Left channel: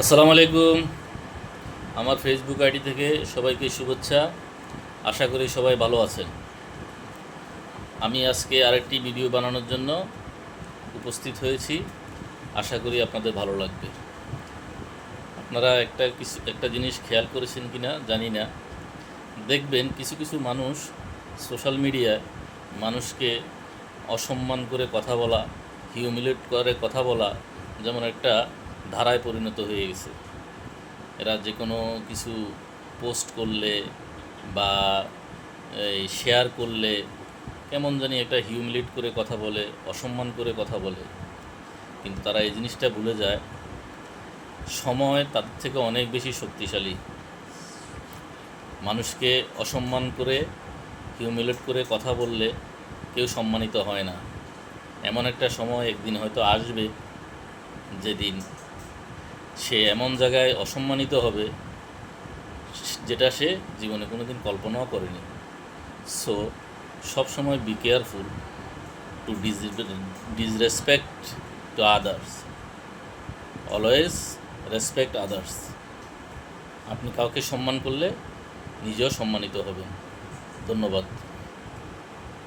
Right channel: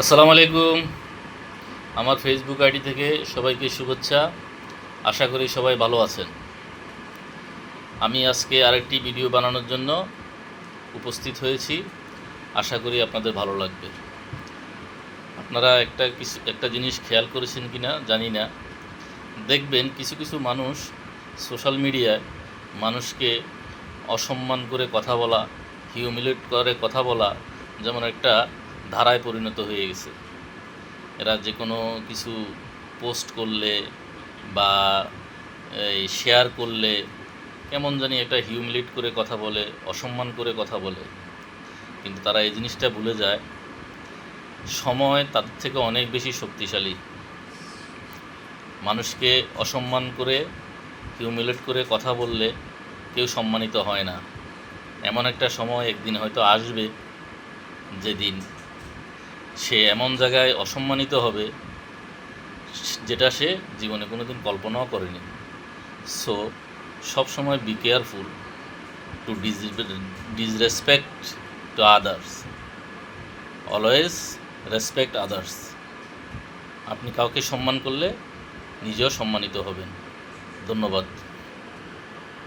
আসসালামু আলাইকুম। আমার ফেসবুক আইডি থেকে সবাইকে শুভেচ্ছা। আশা করি সবাই ভালো আছেন। আমি আজকে আরেকটি ভিডিও বানানোর জন্য উপস্থিত হয়েছি। আশা করি আপনাদের ভালো লাগবে। আপনারা একটা জিনিস খেয়াল করেছেন কি না জানি না, দেখবেন কিছু কিছু মানুষ সোশ্যাল মিডিয়ায় মানুষকে অসম্মান করে কথা বলা, হিউমিলেট করে কথা বলা যেমন একটা ধারায় পরিণত হয়ে গেছে। এরা যে কোনো কিছু পোস্ট করলে বা এই শেয়ার করলে কেমন জানি একটা হিউমিলেট করে কথা বলে, অসম্মান করে কথা বলে। কিন্তু তারা এই জিনিসটা ভুলে যায়, সময় তাদের থেকে অনেক বেশি শক্তিশালী। মানুষকে অসম্মান করে হিউমিলেট করে কথা বললে কেউ সম্মানিত হয় না। এমন একটা সময় একদিন হয়তো আসবে যেদিন সে এমন জায়গায় অসম্মানিত হবে যেটা সে জীবনে কোনো দিন কল্পনাও করেনি। সো সবসময় be careful two disrespect to others, always respect others. আপনি কাউকে সম্মান করলে নিজেও সম্মানিত হবেন। ধন্যবাদ।